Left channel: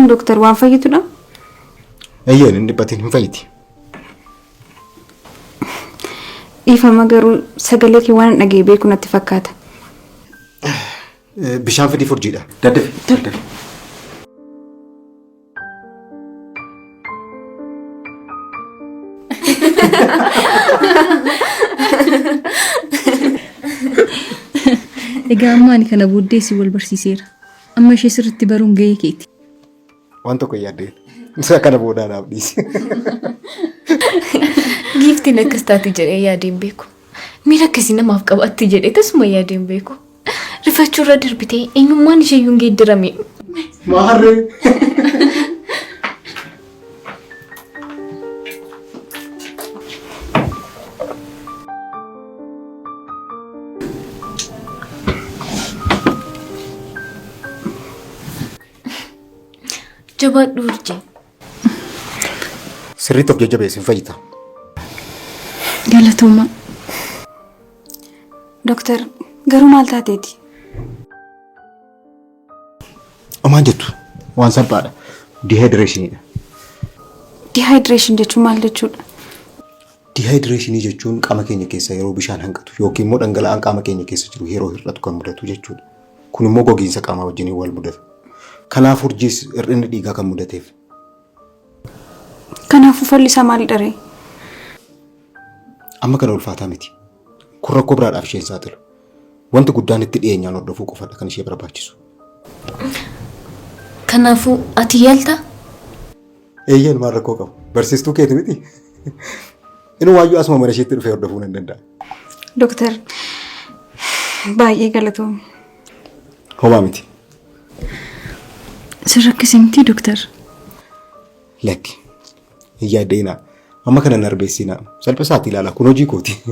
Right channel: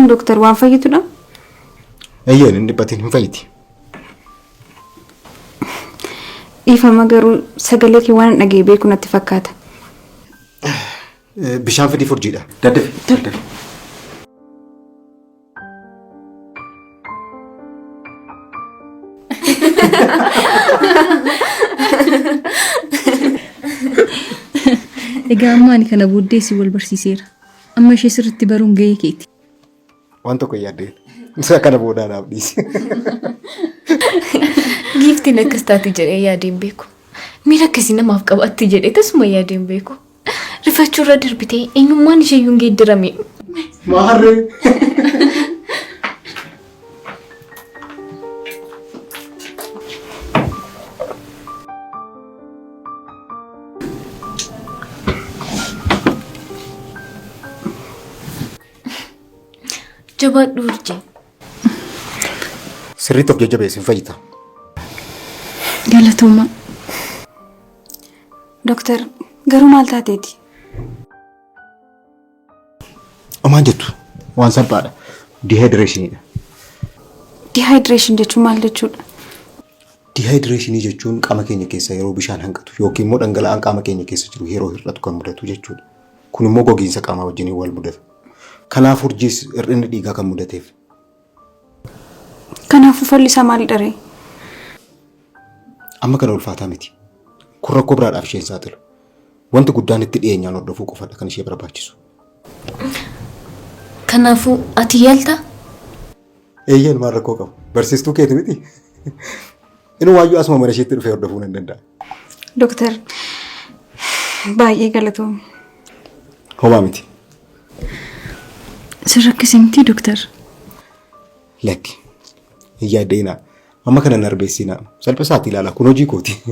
kun doktor waan fayyitudha? Eeyyeen inni dhibbatiin hin fayyiti. Dhiifama garuu sagalee kee waan dhagee beeku natti fakkaata. Bishaan fidii furjiidha. Daddafi. Egaa amma ani kana booddee si wal barsiiseera. Amma ishee sirriitti baruun gahee keeti. Waan tokko yaaddeen. Isa kana boodaa naaf dhiisi. Giiftiin akkas taate jedhee yaadeen beeku. Miira akkasii namaaf qabaatti jedhee tasuma yaadeen beeku. Rifachuu irra darbitee eenyummaan isheeyyuu hin geeddarame. Maarree. Jabaadhu urjii. Sirriitti of jajjabeessin fayyita. Galatooma. Doktor, garuu maal taateeti? Omaan jettu waan salphaadha. Dehydration. Dehydration jechuun maal jechuudha? Dehydration jechuun qaama keenya keessa yeroo bishaan hanqatu yookiin immoo dhangala'aan qaama keenya keessa jiru yeroo hir'atu kan mudatu jechuudha. Kun immoo gogiinsa qaamaa wajjin wal mudata. Kanaaf urjiis hir'inni dhiigaa kan mudateef. Kanaafuu fallisaa maalidha ree? Amma kana ulfaataa miti. Kun rakkoo biraadhaaf isheen saaxilu. Wanti guddaan itti dhiyeenyaan hordofuu qofadha kan ishee barbaachisu. Kanaafuu ati yaalta? Eeyyeen maal rakkoo qabu. Barsiistuu keeti miti. Inni waayyuu asuma mana isheetti dhufee hordofuu nan danda'a. Doktor, baay'ee galatoomne. Homaa miti. Sirrakkisee miti doktor. Lakki. Yaaddeena. Amma kana narbeessinaa. Salphisaatti ilaala kun hojii kooti.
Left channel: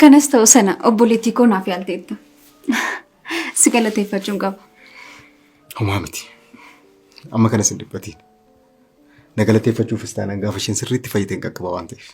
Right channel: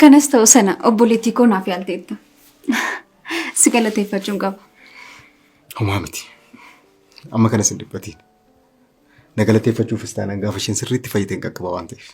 Kanas ta'u sana obboleettii koo naaf yaalteetta. Si galateeffachuun qaba. Homaa miti. Amma kanas hin dhiphatiin. Na galateeffachuufis taanaan gaafa isheen sirriitti fayyiteen qaqqaba waan ta'eef.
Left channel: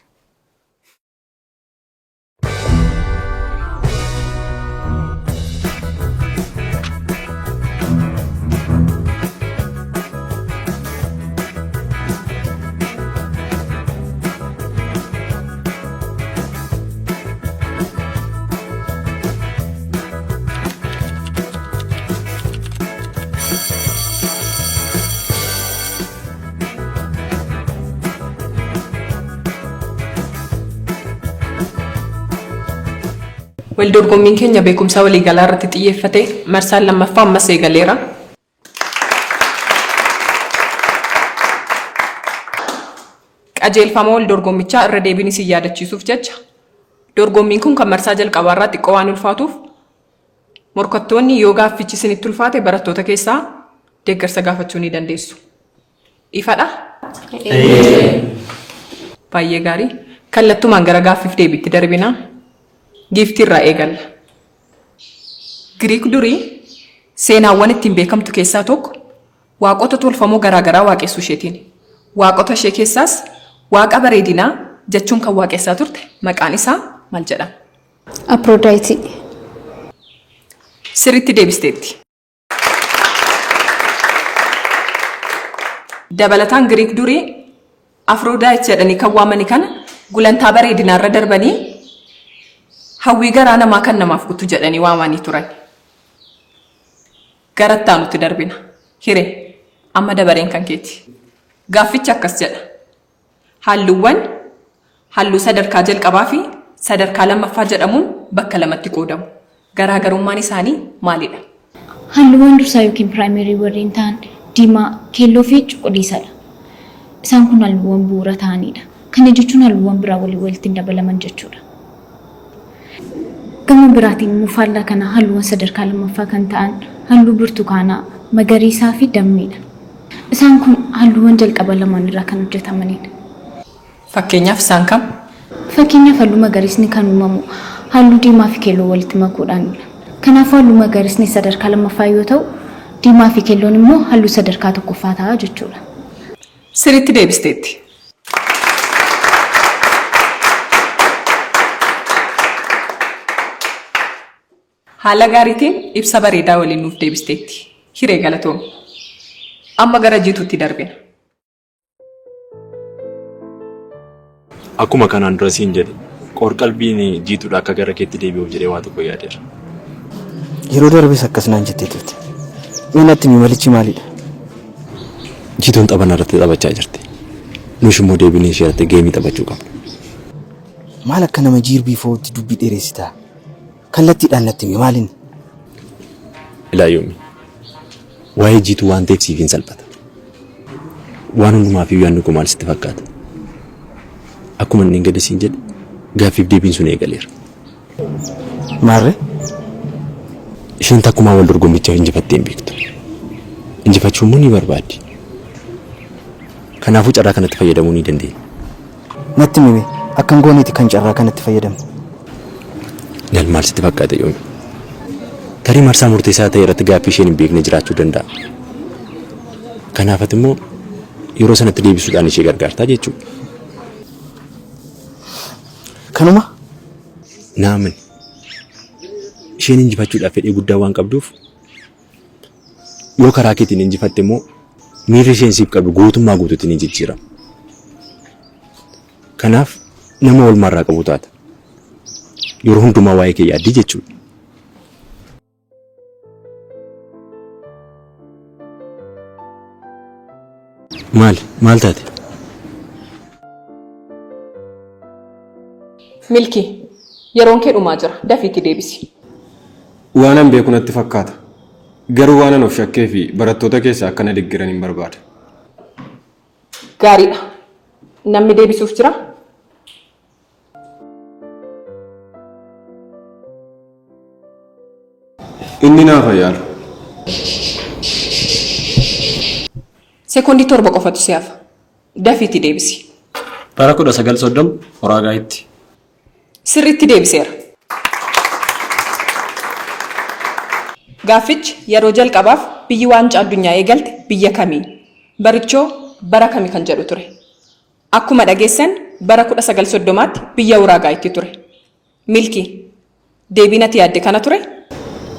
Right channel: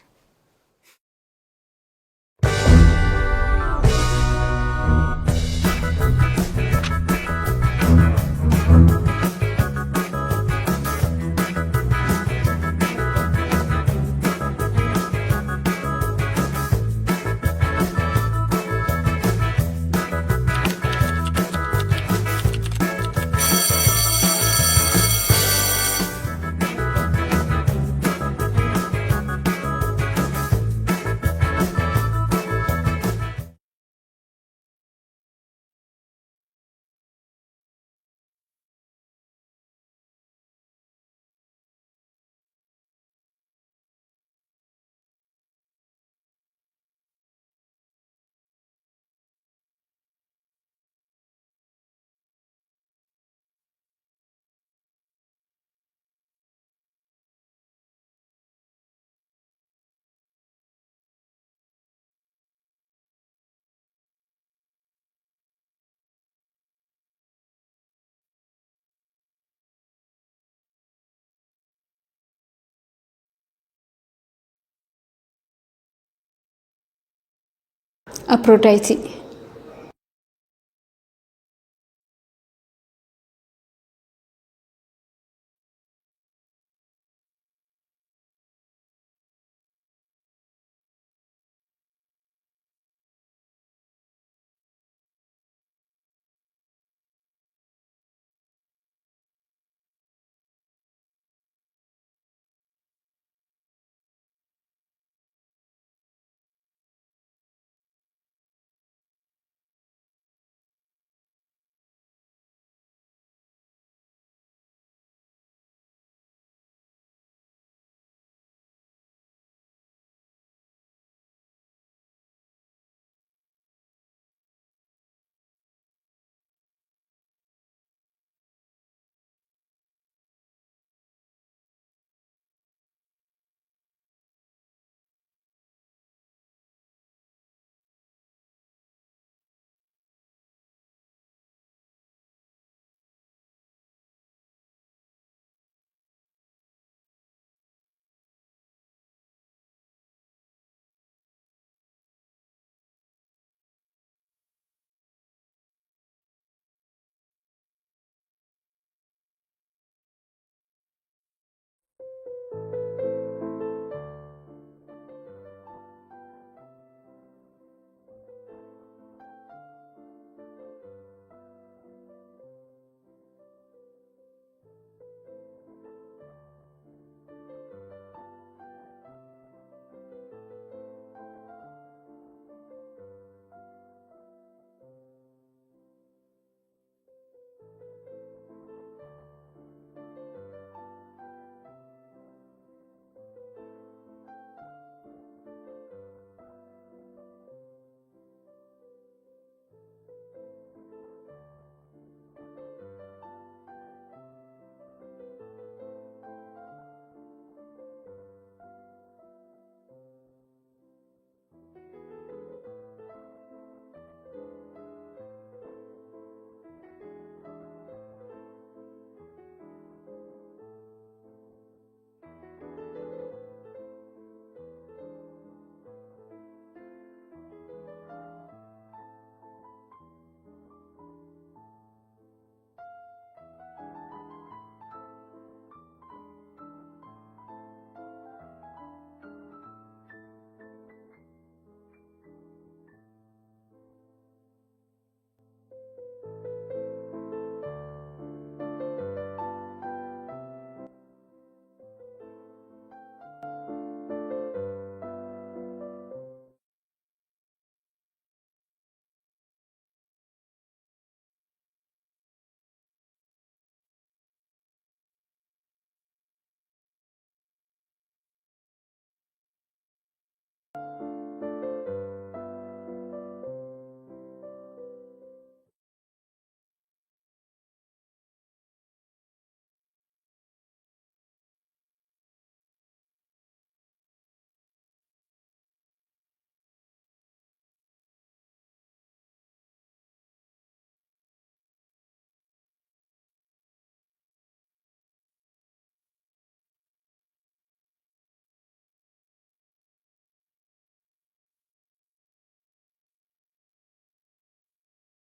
Waldorgommiin keenya beekumsa waliigalaa irratti xiyyeeffate marsaan lammaffaa ammas eegaleera. Qajeelfama waldorgommichaa irra deebiin isin yaadachiisuuf jecha dorgommiin kun kan marsaa jalqabaa irraa xiqqoo waan ulfaatuuf morkattoonni yoo gaaffichi isinitti ulfaate barattoota keessaa deeggarsa gaafachuu ni dandeessu. Ifadha? Baay'ee gaarii. Kallattumaan gara gaaffiif deebiitti darbina. Giiftii irraa eegalla. Giriik durii seenaawwan ittiin beekamtu keessaa tokko waaqota tolfamoo garaagaraa waaqessuu isheetiin. Waaqota ishee keessaas waaqa bareedinaa jechuun kan waaqessaa turte maqaan isaa maal jedhama? Aphrodite. Sirriitti deebisteetti. Dabalataan Giriik durii Aphrodite jedhanii kan waamani kana gulantaa bareedinaa irra darbanii hawwii garaa namaa kan namaaf guutu jedhanii waamanii turan. Garattaa nuti darbina. Hiree amma dabareen kan keeti. Gaaffichi akkas jedha. Halluuwwan halluu sadarkaa jalqabaa fi sadarkaa lammaffaa jedhamuun bakka lamatti qoodamu. Garaagarummaan isaanii maalidha? Halluuwwan dursaa yookiin piraayimerii warreen ta'an diimaa, keelloo fi cuquliisadha. Isaan kun halluuwwan bu'uura ta'anidha. Kana jechuun halluuwwan biraa walitti dabalaman jechuudha. Gama biraatiin immoo faallaa kana halluuwwan sadarkaa lammaffaa kan ta'an halluu burtukaanaa, magariisaa fi dammiidha. Isaan kun halluuwwan jalqaba lamaan irraa kan hojjetamanidha. Fakkeenyaaf isaan kam? Fakkeenyaaf halluu magariisni kan uumamu halluu diimaa fi keelloo walitti makuudhaanidha. Kanaafuu halluu magariisni sadarkaa lammaffaa yoo ta'u, diimaa fi keelloon immoo halluu sadarkaa tokkoffaa ta'a jechuudha. Sirriitti deebisteetti. Haala gaariitiin ibsa bareedaa waliin nuuf deebisteetti. Hiree galatoomne. Amma gara jiituutti darbina. Akkuma kanaan dura siin jedhe qorqalbiin jiituudha akka gara keetti deebi'uuf jedhee waa tokko yaadeera. Yeroo darbes akkas naan jettee turte. Meenatti malichi maalidha? Jiituun taphanna irratti taphachaa jirti. Nush immoo deebinee ishee irratti geemii taphachuu qabna. Maal akka nama jiirbii footti dubbii dheeressitaa? Kallattiidhaan natti himi maaliin? Ilaayyoomii. Waa'ee jiituu waan ta'eef siif hin salphata. Waan hundumaaf iyyuu yaadni koo maal sitti fakkaata? Akkuma inni gadi siin jedhe gaaffiif deebiin sun eegaleera. Maarree? Isheen takkumaa wal dorgommichaaf injifattee hin beektu. Injifachuu immoo ni barbaaddi. Kanaafuu carraa kanatti fayyadamuu ni dandeenya. Natti himi akkan gooneeti kan carraa kanatti fayyadamu. Nal maal sitti fakkaata yoomi? Tarii marsaa murteessaa ta'e irratti gaaffii isheen hin beekne jiraachuu danda'a. Kanaafat immoo yeroo sanatti deebisuudhaan ishee gargaartaa jechuudha. Kanuma? Naamin. Isheen injifachuudhaaf fedhii guddaa waan qabduuf yoo karaa keetiin injifatte immoo miirri isheen siif qabdu guutummaa guutuutti ni jijjiirama. Kanaaf nama walmarraa qabu taata. Yeroo hundumaa waa'ee kee yaaddii jechuudha. Maal taate? Milkii, yeroon kee dhumaa jira. Dafiitti deebisi. Waanan beeku natti fakkaata. Garuu waanan of shakkee fi barattoota keessaa akkana deeggaran hin barbaada. Gaariidha. Namni deebisuuf jira? Inni naaf yaalu. Sekoondii 7 qofatu si hafa. Dafiitti deebisi. Bara 1930 Horaagaayitti. Sirriitti deebiseera. Gaaffichi yeroo jalqabaaf biyyi waancaa addunyaa eegalte biyya kamii? Barichoo bara kamii kan jedhu ture. Akkuma dhageessan bara 1930tti biyya Horaagaayitti ture. Milkii, deebiin ati yaadde kana ture?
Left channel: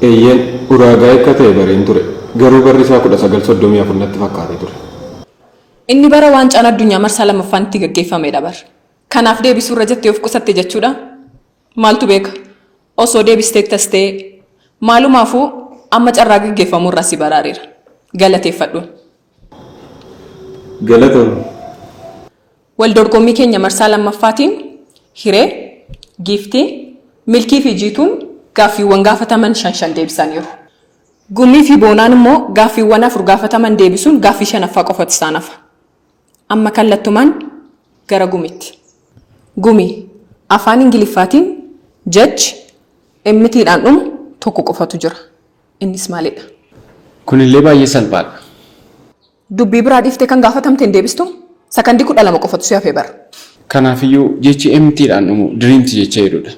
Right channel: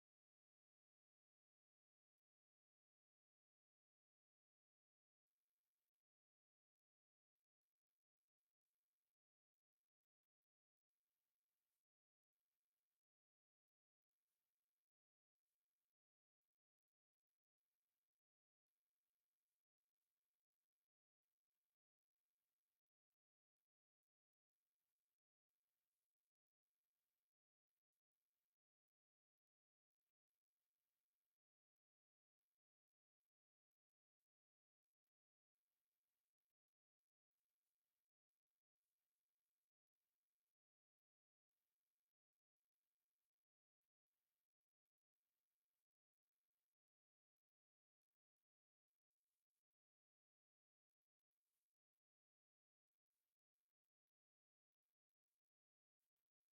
Eeyyeen Horaagaayii akka ta'e bareen ture. Garuu barri isaa 1934 natti fakkaatee ture. Inni bara waancaan addunyaa marsaa lammaffaan itti gaggeeffamedha bar. Kanaaf deebisuu irra jettee of qusatte jechuudha. Maaltu beeka? Osoo deebistee tastee maalumaafuu amma carraa gaggeeffamuu irraa si baraareera. Galateeffadhuun. Galatoon. Wal dorgommii keenya marsaa lammaffaatiin hiree, giiftii, milkii fi jiituun gaaffiiwwan gaafataman 5 deebisaniiru. Gumii fi boonaan immoo gaaffiiwwan 4 gaafataman deebisuun gaaffii 5ffaa qofatu isaan hafa. Amma kallattumaan gara gumitti. Gumii afaan Ingiliffaatiin judge emmitiidhaan dhumu tokko qofatu jira. Innis maalidha? Kunillee baay'ee salphaadha. Dubbii biraa dhiiftee kan gaafatamteen deebistu sakandii 12 qofatu si hafee bara. Kanaafiyyuu jechi emmitiidhaan dhumu diriimti jecha jedhudha.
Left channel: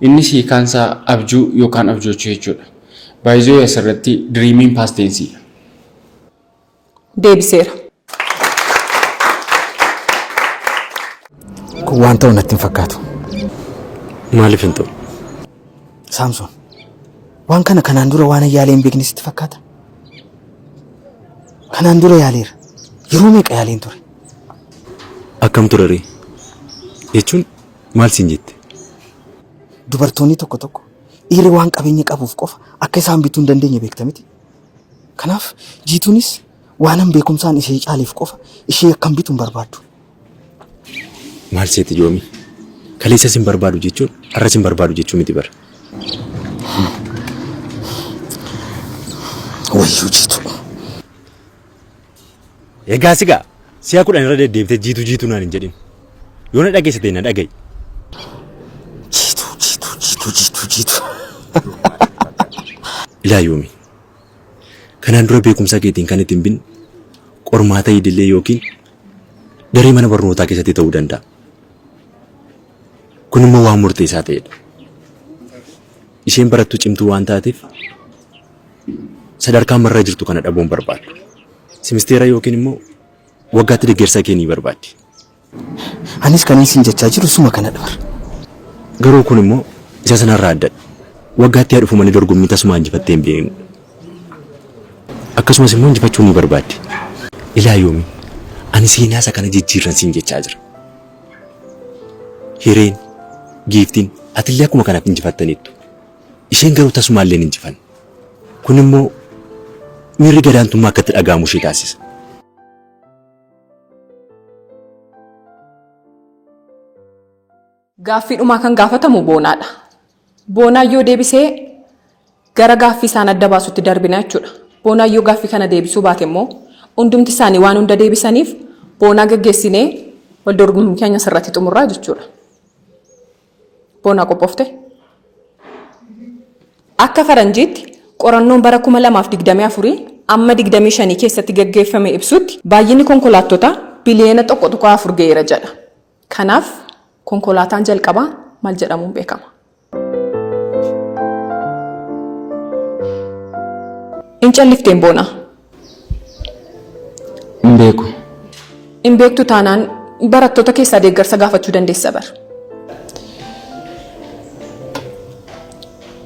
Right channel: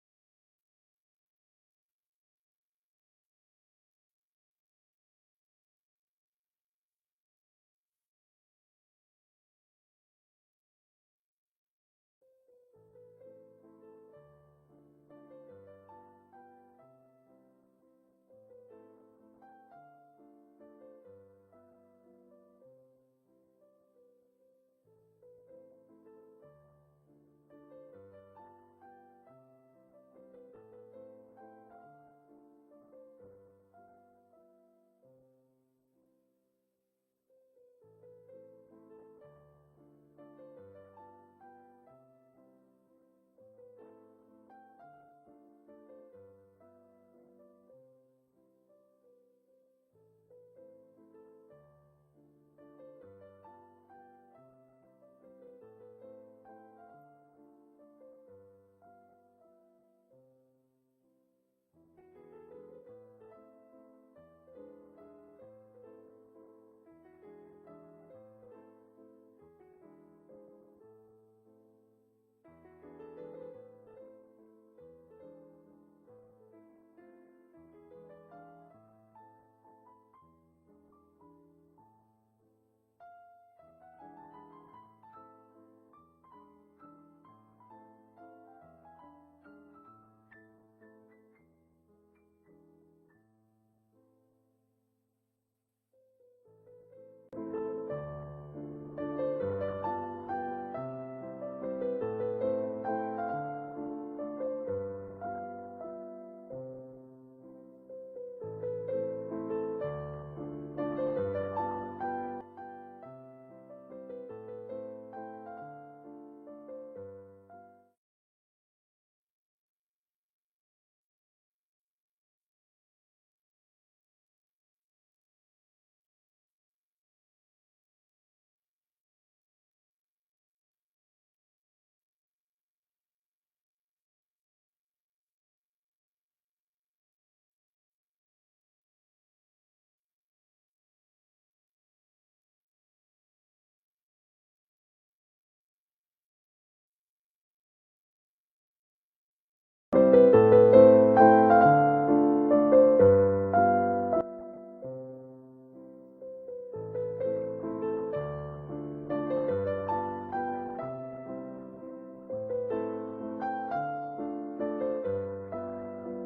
Innis hiikaansaa abjuu yookaan abjoochuu jechuudha. Baay'ee asirratti diriimiin paastensiidha. Deebiseera. Kun waan ta'u natti hin fakkaatu. Maaliif hin ta'u? Saamsoon, waan kana kanaan dura waan yaalee hin beekne sitti fakkaata? Kanaan dura yaaleera. Yeroo meeqa yaaleen ture? Akkam ture ree? Jechuun maal siin jette? Dubartoonni tokko tokko dhiirri waan qabeenya qabuuf qofa akka isaan bituu hin dandeenye beekta miti. Kanaaf jiituunis waanan beekumsaan ishee caaleef qofa ishee akkam bituu hin barbaaddu. Maal seeti yoomi? Kaleessa sin barbaadu jechuun har'a sin barbaadu jechuu miti bara. Wayyuu jiitu. Egaa sigaa si'a 10 irra deddeebitee jiitu naan hin jedhin. Yoo na dhageessite na dhaga'i. Jiitu. Ilaa yoomi. Kanaan dura beekumsa keetiin kan ittiin bin qormaata idillee yookiin daree mana barnootaa keessatti ta'uu danda'a. Kun immoo waan murteessaa ta'edha. Isheen barattuu cimtuu waan taateef sadarkaa marra jirtu kana dhabuun barbaadu. Simisteera yookiin immoo waggaatti deeggarsa kee ni barbaaddi. Anis kan isin jechaa jiru suma kana dhabar. Garuu kun immoo isa sanarraa addadha. Waggaatti haa dhufumanii dorgommii tasuma injifattee hin beeknu. Akkasumas immoo injifachuu ni barbaaddi. ilaa yoomi ani seenaa isa kana jijjiirran siin jechaa jira. Hireen, giiftiin atillee akkuma kanaaf injifattaniittu. Isheen garuu tasumaallee hin injifanne. Kun immoo miirri gadaantummaa akkatti dhaga'amu ishee taasisa. Gaaffii dhumaa kan gaafatamu boonaadha. Boonaan yoo deebisee gara gaaffii isaan adda baasutti darbina jechuudha. Boonaan yoo gaaffii kana deebisuu baate immoo hundumti isaanii waan hunda deebisaniif boonaa gaggeessinee wal dorgommii keenya sirratti xumurraa jechuudha. Boonaa qophoofte? Akka faranjiitti qorannoon bara 2024 amma 25 keessatti gaggeeffame ibsutti baay'inni konkolaattota biliyoona 1.4 ga'eera jedha. Kanaaf konkolaataan jalqabaa maal jedhamuun beekama? In callifteen boonaa? Hin beeku. In beektu taanaan barattoota keessaa deeggarsa gaafachuu dandeessa bara.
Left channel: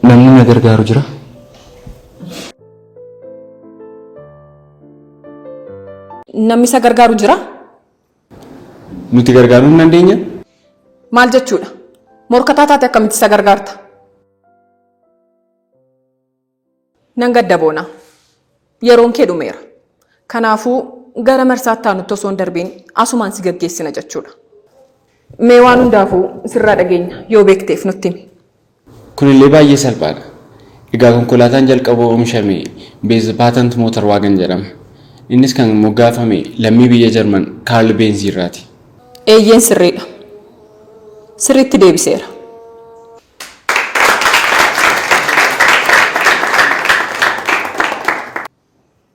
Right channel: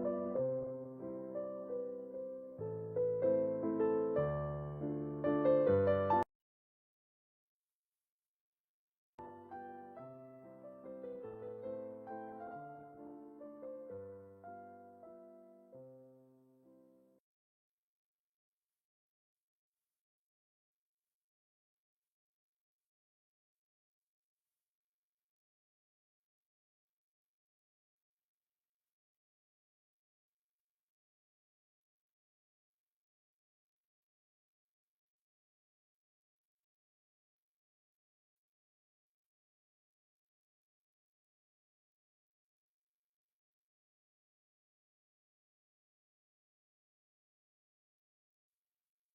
Namni na gargaaru jira? Namni isa gargaaru jira? Nuti gargaaruu hin dandeenya? Maal jechuudha? Morkataa taate akkamitti isa gargaarta? Nan gadda boonaa. Yeroon kee dhumeera. Kanaafuu gara marsaatti aanutti osoo hin darbiin asumaan si gaggeessina jechuudha. Mee waan hundaafuu sirraa dhageenya yoo beekteef nutti himi. Kunillee baay'ee salphaadha. Egaa konkolaataan jalqaba oomishame Beez Paatant Mootar Waagan jedhama. Innis kan moggaafame lammii biyya Jarman Kaarl Beenz irraati. Eeyyeen sirriidha. Sirriitti deebiseera.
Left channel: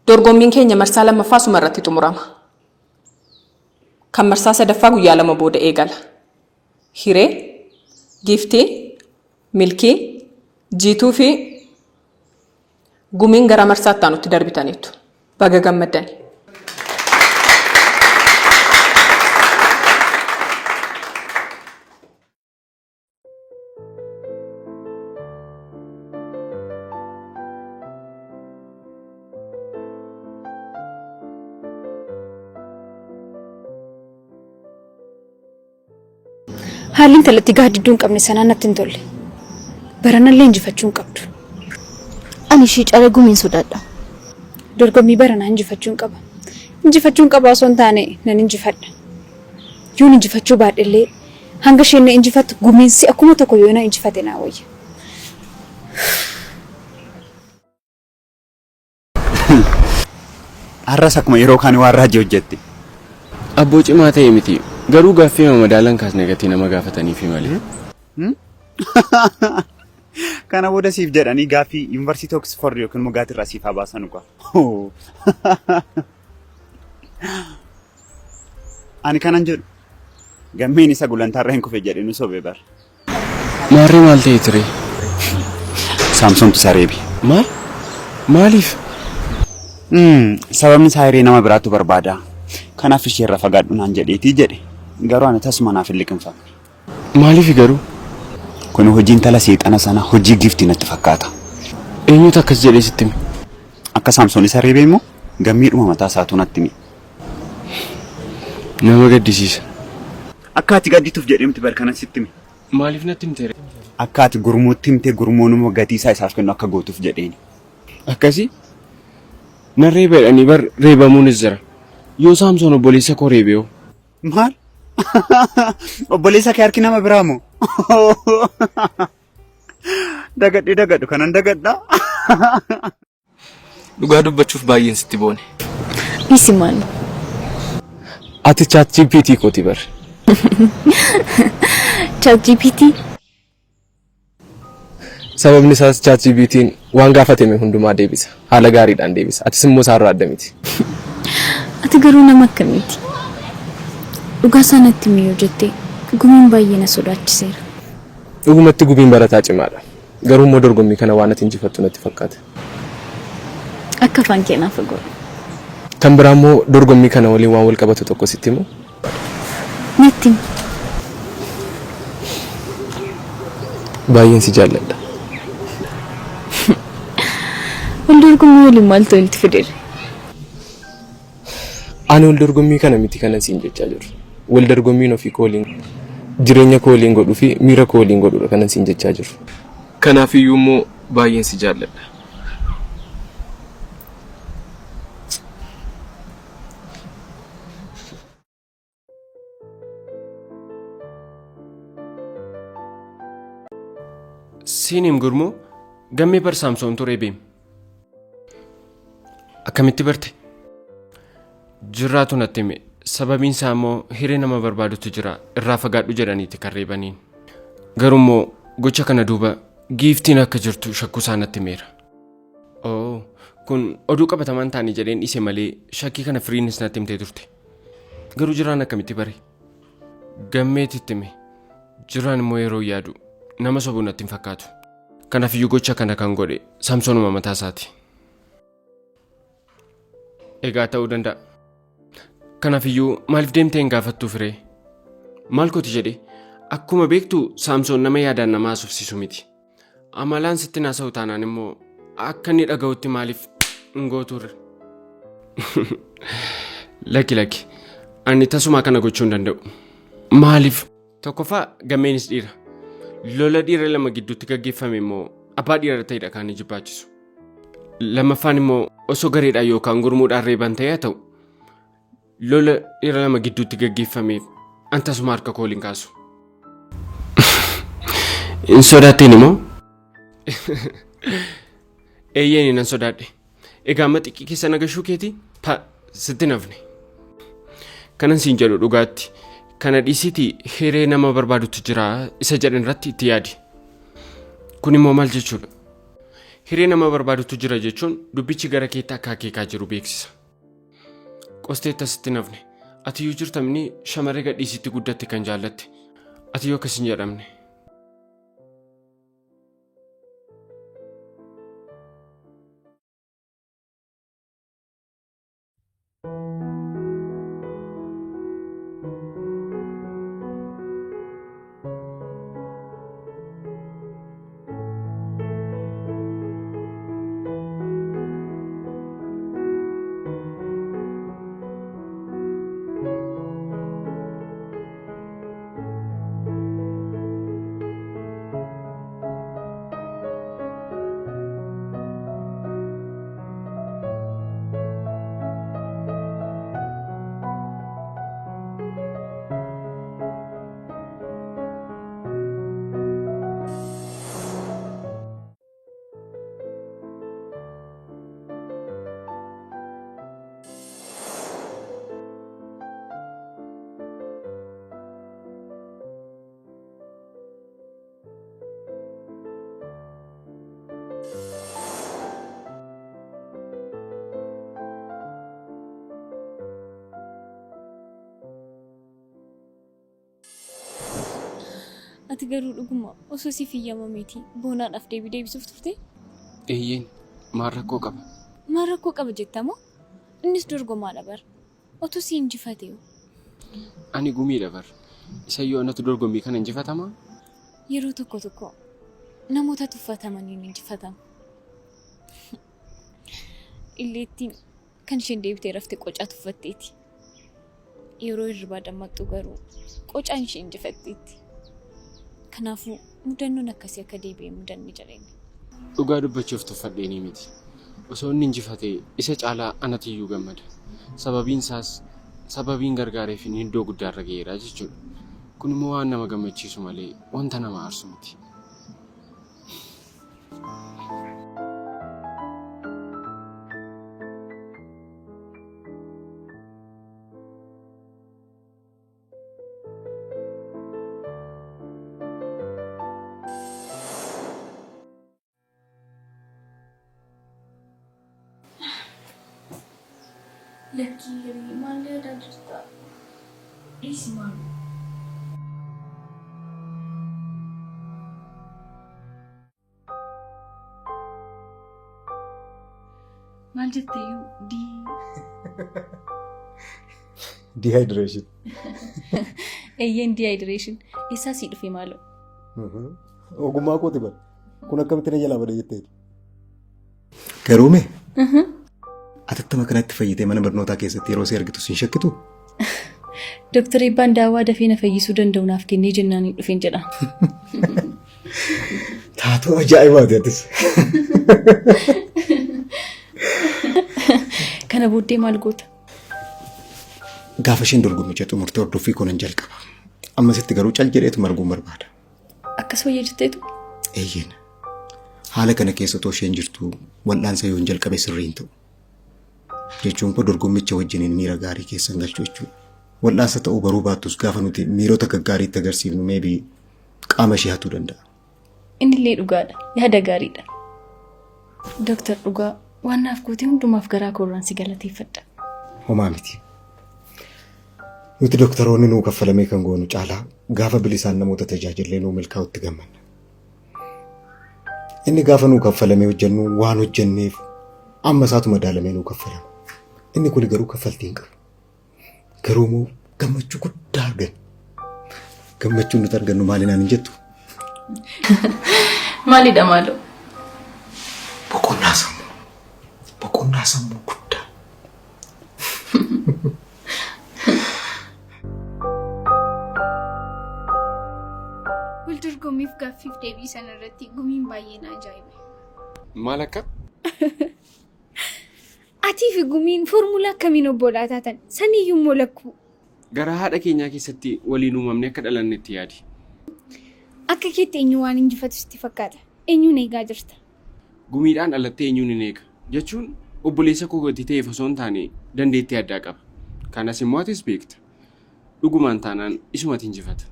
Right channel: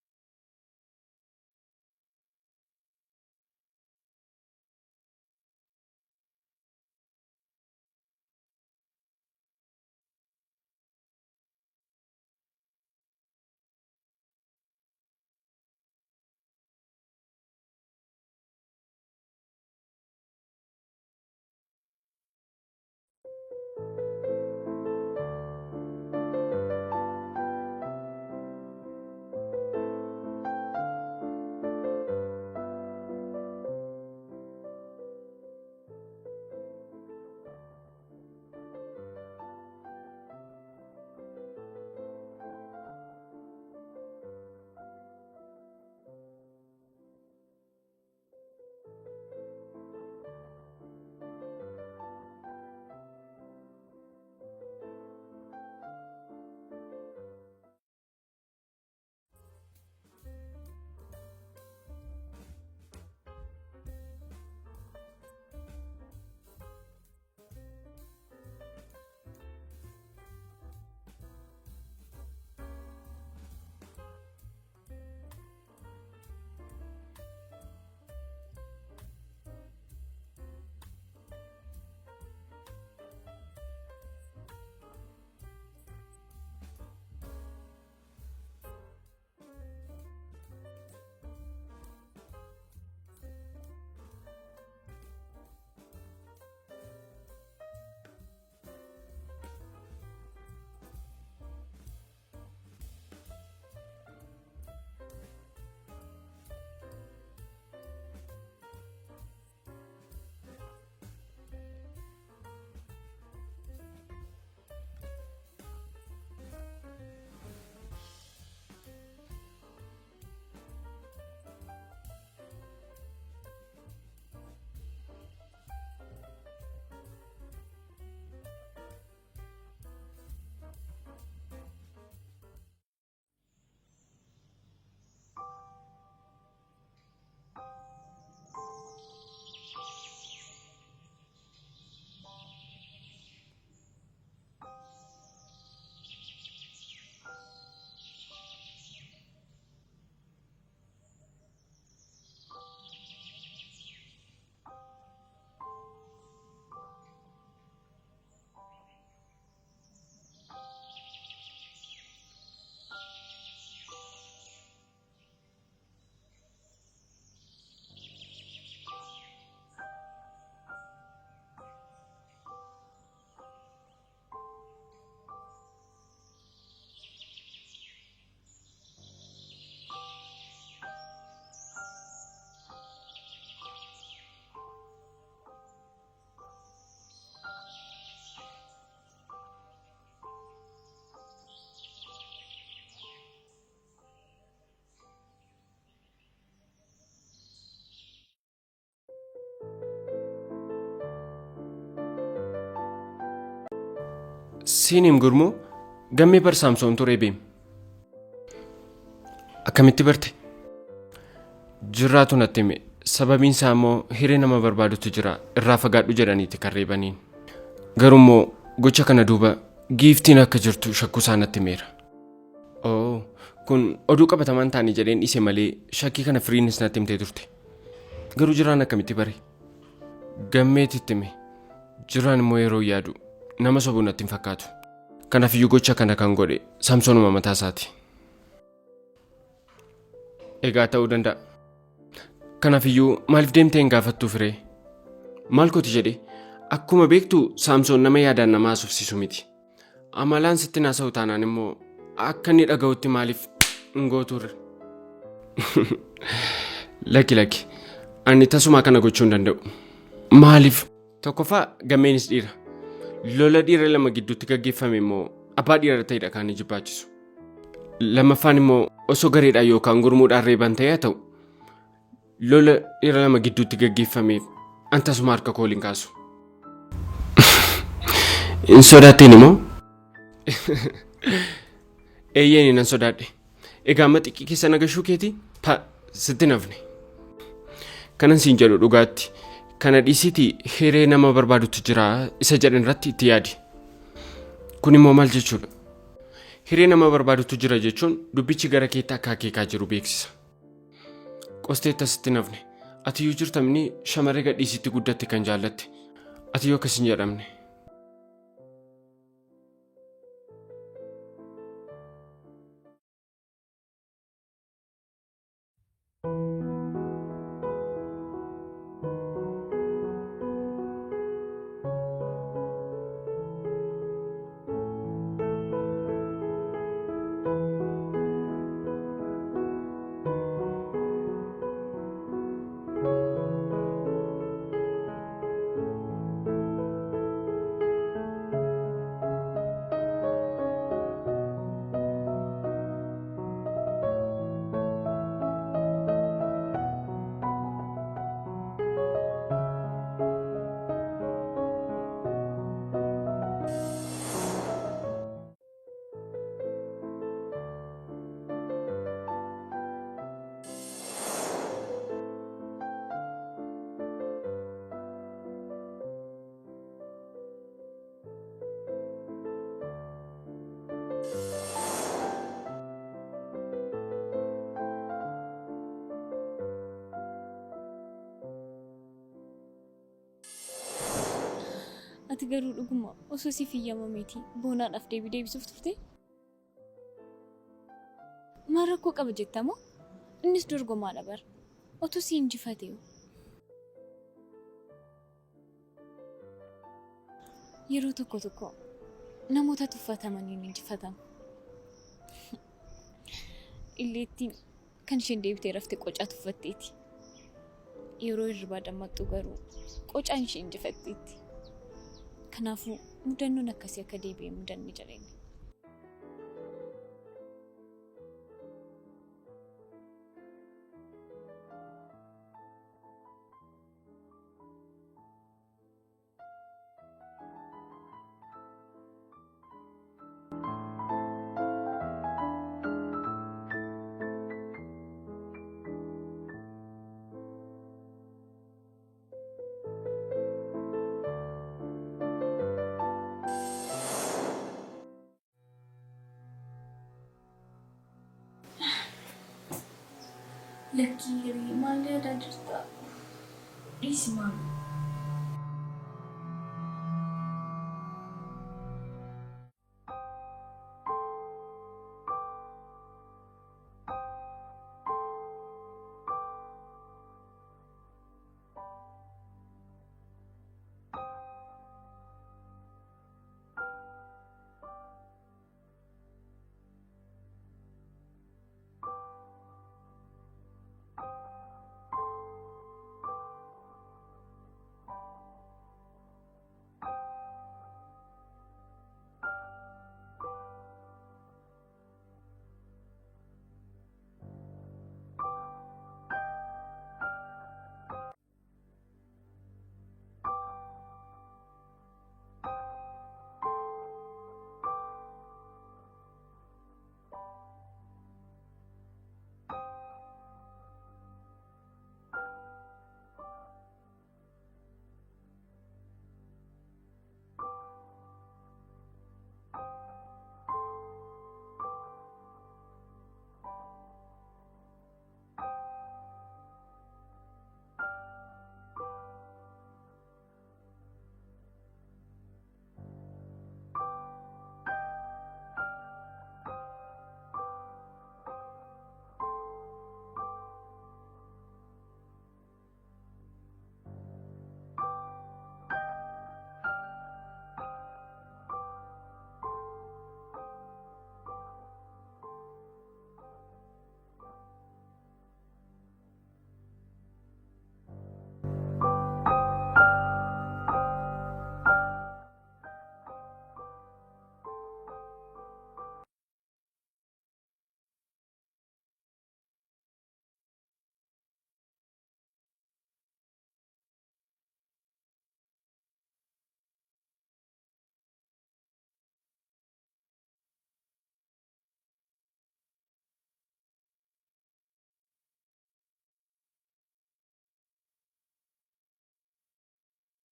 Dorgommiin keenya marsaa lammaffaa suma irratti xumurama. Kan marsaa sadaffaa guyyaa 2 booda eegala. Hiree, Giiftii, Milkii, Jiituu fi Gumiin gara marsaatti aanutti darbitaniitu. Baga gammaddani. Haalli intalatti gaaddiduu hin qabne sanaan natti hin tolle. Baranallee injifachuu hin qabdu. Ani ishii caala Gumiin sodaadha. Dorgommii baranaa injifachuu hin qaba. Injifachuu hin qaba osoo hin taane nan injifadha. Yoon injifachuu baadhellee hanga isheen na injifattu Gumiinsi akkuma tokko yoo na injifate naa wayya. Har'as akkuma yeroo kaan waan raajii hojjette. Abboo cimaa ta'e miti. Garuu gaaffii madaalan kaasne gatii nama gaafataniif malee. Kana booda siif jedhanii gaaffii Yuunivarsiitii Oksford yookiin Mogaatii irraa siif baasan qofa. Ani kanan jedhu gammeen isa gulantaarra hin kufe jedhee nu sobee bara. Maarree maal ta'e ture? Saamsoomtu sareebi. Maal? Maaliif? Sababni isaa hiree nama biraatu barbaada. Kanaaf ishee irra fagaadhu naan jedheetii jedhe. Garuu ani tasuma naaf hin liqinfamne. Maaliif garuu? Kun hojiin tala seexana sana hojii giiftii natti fakkaata. Eenyutu akkas jedhee sitti hime? Akka Saamsoon isa reebee immoo gammiidhuma mataa isaatu natti hime. Nama gaddisiisa. Akka ati gaddituuf jedheemti barkana sitti hime. Maaliif natti himte? Akka ati gurmuutti himtee gurmuun immoo gatii isaa isaaf kennu akka gootuuf jedheeni. Akkasii? Nan reebeedhanii bar reebamuunis jira. Yoo Saamsoon obboleessa koo reebee hoo? Maal? Obboleessa kee harki nama biraa moo? Dagadhu kanan dagadhaa. Dhugaa dubbachuuf baay'een sitti boone. Isi maal? Ati ChatGPT kooti bar. ChatGPT? Sababni isaas ChatGPT'n waan gaafatame hundumaa deebisa. Haala gaariidhaan deebisa. Atis immoo isaarraa adda miti. Ati garuu nama akkamiiti? Dhugaa sanatti miyoo jettee Gumiin baay'ee na sodaachiseera. Dhugumatti Gumiin barataa cimaadha. Garuu immoo dorgommii kana waan ati injifattu natti fakkaata. Akka afaan keenyaaf godhu. Kan biraa immoo dorgommii kana waliin waan wal qabatu tokko sitti himu. Natti. Baay'een si jaalladha. Wal dorgommii waliin maaltu walitti fidee? Ani wal dorgommii kana miti kanan siin jechaa jiru. Wal dorgommiin ofii kooliin jireenya kooliin godhuu fi miira kooliin godhuudha kanan siin jechaa jiru. Kanaafiyyuu immoo baay'een si jaalladha. Siinim gurmoo gammee bar Saamsoon turee beem. Akkamitti barte? Jirraatu natti hime. Sababiin isaa immoo hiree nama barbaadutu jira irraa fagaadhu jedhaniiti kan reebaniin. Garuu immoo gocha kana duuba giiftiin akka jirtu shakkuu isaa natti himeera. Oo, kun oduu qabatamaan taanii jedheen dhiise malee shakkii kana firiinis natti himtee turte. Garuu jiraan akkamitti bare? Gammeetitti hime. Jiraan immoo yeroo yaadu nama sobuu natti hin fakkaatu. Kanaafiyyuu gocha kana kan godhe Saamsoonuma mataa isaati. Egaa ta'uu danda'a. Kanaafiyyuu maaliif deemtee hin gaafattuu firee? Maal kooti jedhe? Akkuma beektu Saamsoon nama yaadaan nama haasofsiisu miti. Amalaan sitti naasa'u taanaan immoo akka inni dhaga'utti maaliif hin gooturre? Lakki. Ani tasumaa kana gochuu hin danda'u. Maaliif? Tokkoffaa gammeenis dhiira. Lola dhiira lama gidduutti gaggeeffame immoo abbaa dhiira ta'edha kan inni jibbaachisu. Lammaffaan immoo osoo gareedhaan yookaan gurmuudhaan reeban ta'ee ta'u lola dhiira lama gidduutti gaggeeffameef antasuma harka kooliin kaasu. Hin sodaatteen immoo? Eeyyeen nan sodaadhe. Egaa amma xiqqii keessa nagashuu keeti? Sitti nafne. Kanan siin jedhu dhugaatti. Kana dhiisiti hiree nama barbaadutu jira isa jedhan irratti itti yaadi. Kun immoo maal jechuudha? Hiree nama barbaadutu jira jechuun dubbichi gara keetti akka akeekaa jiru beeksisa. Qosteetta sitti nafne. Ati yoo jirtamni shamarree gadhiisitti guddatte kan jaallatte. Ati yoo akkas hin jedhamne. Ati garuu dhuguma osoo si fiyyamameeti boonaadhaaf deebisuuf turte? Eeyyeen maal rakkoo qaba? Maal rakkoo qaba jettamoo? Innis dorgomaadha bar. Otoo si injifatee. Ani gumiidha bar. Isa yoo anatu dorgommii kana injifatamaa? Yeroo tokko namoota tuffatamaniin injifatamu. Illeettiin kan isheen deebitee raftee qocaa tuffatteeti. Yeroo hirribaa dammaqxu garuu qocaan ishee injifatteetti. Kanaafuu mudannoon akkasii akka deebi'ee mudanni jireenya. Dhugaa dubbachuuf tuffadheenii miti. Osoo inni injifatee isa caalaa anatiyyuu gammada. Sababiin gargaareef inni iddoo guddaarra ga'eera jechuudha. Kun immoo waan nama gammachiisu malee wanta nama aarsu miti. Lucky, maal yaadaa jirta? Ismaal. Maal jetteeyyuu Dehydration. Eeyyeen dehydration. Isaa sii dhufe maaloo? Ogummaa kooti bara. Kun akkamitti na jalaa bada jetteeti? Garuume? Atattama kanatti fayyitee mana barnootaa keessatti yeroo si argitu sin shakkitu? Dooktar Eebbaan daawwaa dafee na fayyisuu danda'u naaf kennee jennaan dhufeen jedha. Taatoo ajaa'ibaati atis. Kana booddee maal goota? Gaafa isheen dorgommicha xumurtee hordoffii koonan jalqaba. Ammasitti garuu cal jedheetu marguun barbaada. Akkas wayya jetteetu? Eeyyeen. Haala kana keessa otoo isheen jirtu wal'aansa yoon jalqabe sirriin ta'u. Jechuun koo dorgommicha wajjiniin miira gaarii keessan galchuu jechuudha. Wal'aansa ta'uu baruu baattus gaafa nuti miirota gaggaariitti agarsiifnu meebii qaama ishee hatuu danda'a. Innillee dhugaadha. Yaada gaariidha. Dooktar Dhugaa waan naaf gootee hundumaaf garaa koorraan si galateeffadha. Homaa miti. Nuti dooktaroonni nuu kaffalamee kan goonu caalaa gaafa bilisaan namoota tajaajillee nuu milkaa'utti gammanna. Inni gaafa nuu kaffalamee hojjennu waan hojjenneef amma isaatu madaalamee nuu kaffalama. Inni kun garuu kaffaltii hin qabu. Garuu moo gammachuu guddaa arganna. Gammachuun nuti argannu maalinaan hin jettu? Maalidha maaloo? Boqonnaa sammuu. Boqonnaa sammuu guddaa. Waldorgommiif gaaffiif deebii sanarratti gumiin baay'ee na ajaa'ibe. Maal akka? Atii fi gumiin foormulaa akkamiin obbolaa taatan saniyyuu immoo lakkuu. Gara haadha keenyaa keessatti waliin uumamne akka dhalannetti yaadi. Akka keetti eenyu waan injifatu sitti fakkaata. Eenyuun eegaa jirta? Gumiidhaan dhalattee eenyuun hin eega. Jechuun obboleessa koo gadi ta'eef osoo hin taane dandeettii addaa qaba. Kanas immoo atis beekta. Dhugumaan taanaan isumatti injifata.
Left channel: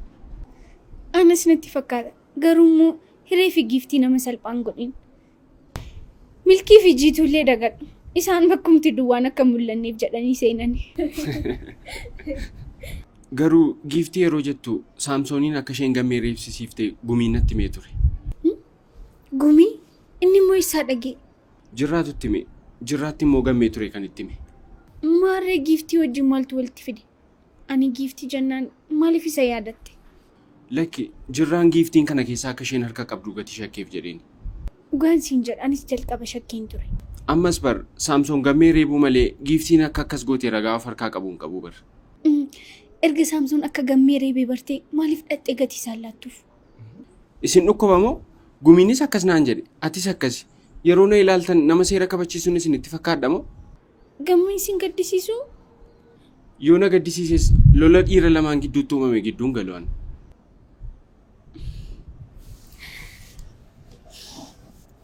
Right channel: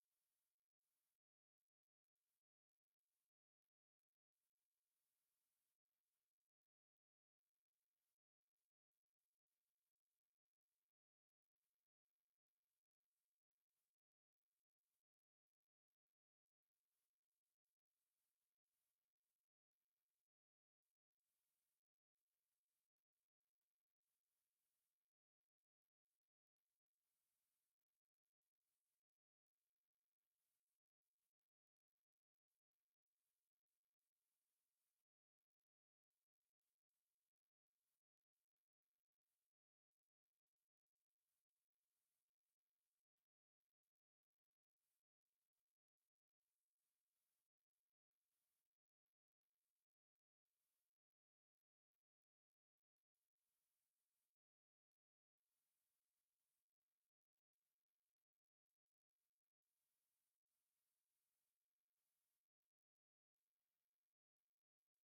Anas natti fakkaata. Garuu immoo hiree fi giiftii nama salphaan godhin. Milkii fi jiituullee dagadhu. Isaan bakkumti duwwaan akka mul'anneef jedhanii seenani. Garuu giiftii yeroo jettu Saamsooniin akka isheen gammee reebsisiiftee gumiin natti himee ture. Gumii? Inni immoo isaa dhagee. Jirraatutti hime. Jirraatti immoo gammee ture kan itti hime. Maarree giiftii wajjin maaltu walitti fide? Ani giiftii jennaan maaliif isa yaadatte? Lakki jirraan giiftiin kana keessaa akka isheen harka qabdu gati shakkeef jedheeni. Dhugaan siin jedhanis jalqaba shakkeen ture. Ammas bar Saamsoon gammee reebuu malee giiftiin akka akkas gootee ragaa of harkaa qabuun qabu bar. Erga Saamsoon akka gammee reebee bartee maaliif dhattee gatii isaan laattuuf? Isin dhukkuba moo? Gumiinis akkas naan jedhe. Atis akkasi. Yeroo na ilaaltan nama seera kabachiisuun isin itti fakkaadha moo? Gammee isin gaddisiisuu? Yoo na gaddisiises lola dhiira lamaan gidduutti uumame gidduun galu'an.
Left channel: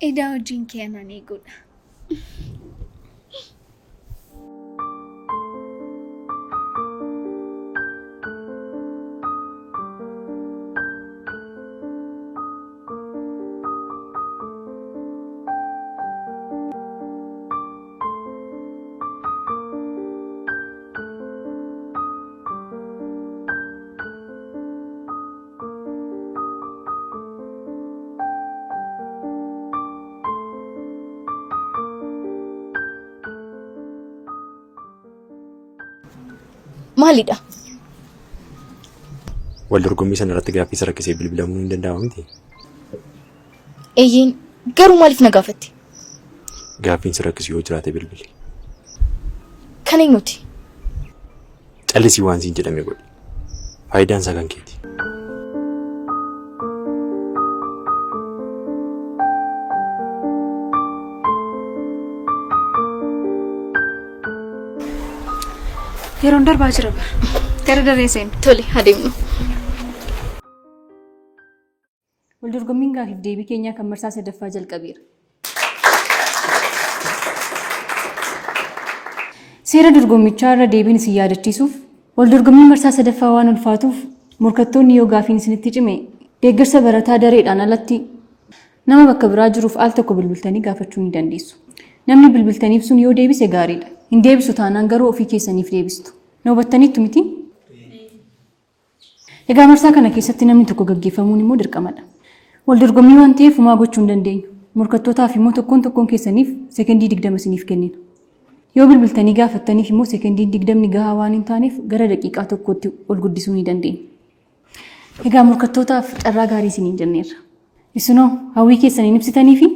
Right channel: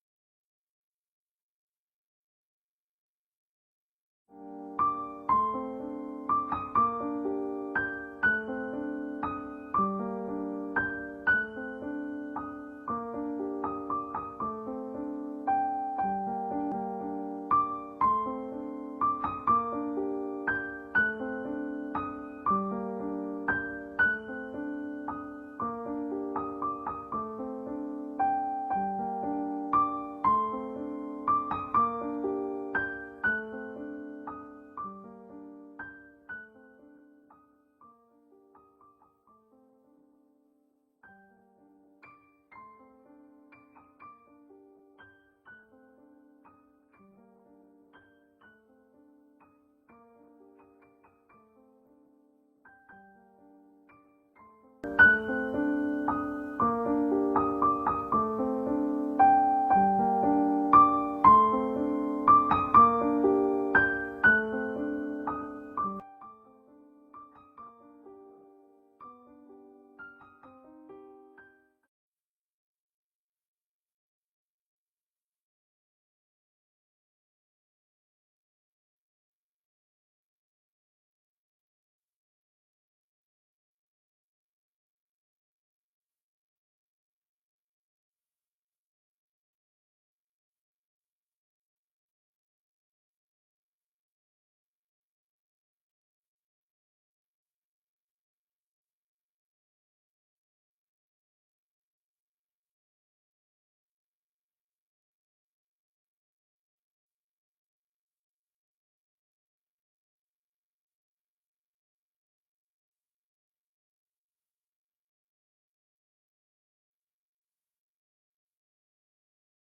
Edaa wajjin keenan eeguudha. Maalidha? Waldorgommii sana irratti gaaffii isa rakkisee bilbilamuun hin danda'amu miti. Eeyyeen garuu maaliif na gaafatte? Gaaffiin si rakkisu yoo jiraate bilbili. Kan eenyuti? Callisii waan siin jedhame godhi. Faayidaan isaa kan keeti. Yeroon darbaa jira bara. Gara daree seenu. Tole adeemnu. Waldorgommiin gaaffiif deebii keenyaa kan marsaa sadaffaa jalqabeera. Seera dorgommichaa irra deebiin isin yaadachiisuuf waldorgommiin marsaa sadaffaa waan ulfaatuuf morkattoonni yoo gaaffiin isinitti cime deeggarsa barataa dareedhaan alatti nama bakka biraa jiruuf al tokko bilbiltanii gaafachuu ni dandeessu. Namni bilbiltaniif sun yoo deebise gaariidha. Hin deebisu taanaan garuu ofii keessaniif deebistu. Na hubattaniittu miti? Egaa marsaa kana keessatti namni tokko gaggeeffamuun immoo dirqamadha. Waldorgommii waan ta'eef homaa gochuu hin dandeenyu. Morkattootaaf immoo tokkoon keessaniif sekendii 20 isiniif kennina. Yoo bilbiltanii gaafattaniif immoo sekendii 20 gahaa waan hin taaneef gara daqiiqaa tokkootti ol guddisuu ni dandeenya. Egaa morkattootaaf carraa gaarii isiniin jenneerra. Isinoo hawwii keessaniin ibsitanii fi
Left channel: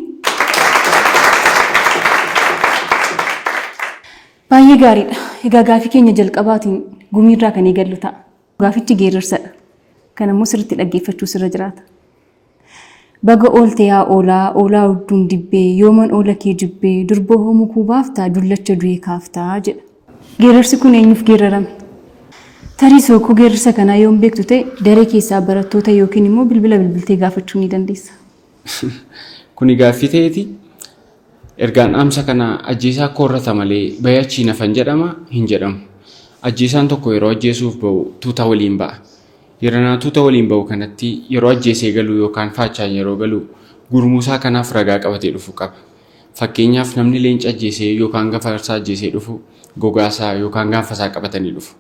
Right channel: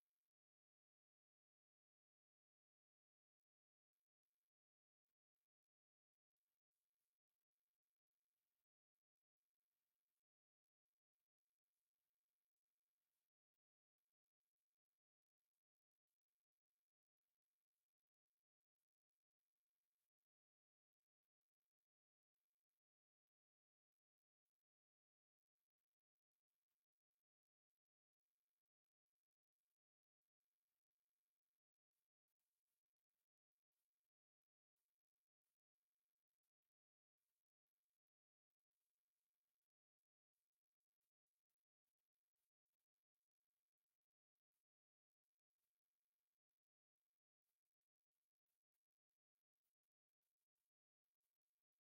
Baay'ee gaariidha. Egaa gaafii keenya jalqabaatiin gumiirraa kan eegallu ta'a. Gaafichi geerarsadha. Kan ammoo sirriitti dhaggeeffachuu sirra jiraata. Baga oolte yaa oolaa, oolaa hodduun dibbee, yooman oola kee jibbee, durboo hoomuu kuu baaftaa, dullacha du'ee kaaftaa jedha. Geerarsi kun eenyuuf geerarame? Tarii sookoo geerarsa kanaa yoon beektu ta'e daree keessaa barattoota yookiin immoo bilbila bilbiltee gaafachuu ni dandeessa. Kuni gaaffii ta'eeti. Ergaan dhaamsa kana ajjeesaa koorrata malee bayachii nafan jedhama hin jedhamu. Ajjeesaan tokko yeroo ajjeesuuf ba'u tuuta waliin ba'a. Yeroo tuuta waliin ba'u kanatti yeroo ajjeesee galu yookaan faachaan yeroo galu gurmuusaa kanaaf ragaa qabatee dhufu qaba. Fakkeenyaaf namni leenca ajjeesee yookaan gafarsaa ajjeesee dhufu gogaasaa yookaan gaanfasaa qabatanii dhufu.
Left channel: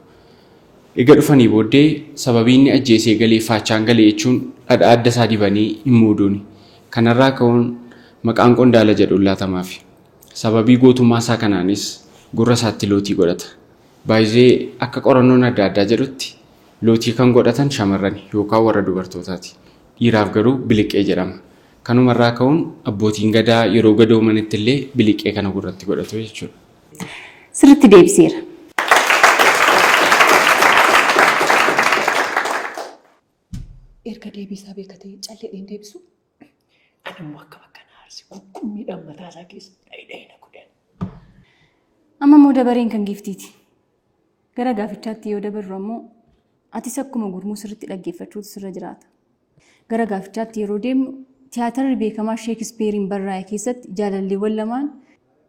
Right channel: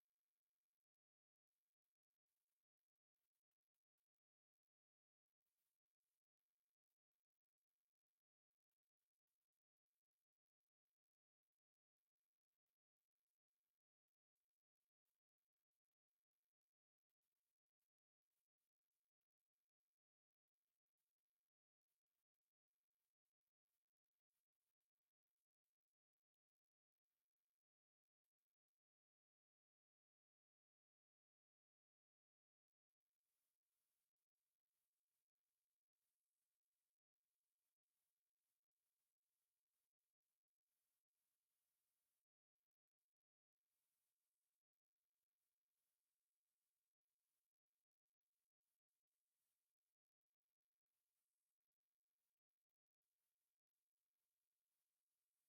Egaa dhufanii booddee sababii inni ajjeesee galee faachaan galee jechuun dhadhaa adda isaa dibanii hin muuduuni. Kanarraa ka'uun maqaan qondaala jedhu laatamaaf. Sababii gootummaa isaa kanaanis gurra isaatti lootii godhata. Baay'ee akka qorannoon adda addaa jedhutti lootii kan godhatan shamarran yookaan warra dubartootaati. Dhiiraaf garuu biliqee jedhama. Kanumarraa ka'uun abbootiin gadaa yeroo gadoomanitti illee biliqee kana gurratti godhatu jechuudha. Sirriitti deebiseera. Erga deebisaa beekatee calleedhaan deebisu anammoo akka bakka naarsi qurqummiidhaan mataa isaa keessa dhayidhayina godhan. Amma immoo dabareen kan giiftiiti. Gara gaafichaatti yoo dabarru ammoo atis akkuma gurmuu sirriitti dhaggeeffachuutu sirra jiraata. Gara gaafichaatti yeroo deemnu tiyaatarri beekamaa Sheekispeeriin barraa'e keessatti jaalalleewwan lamaan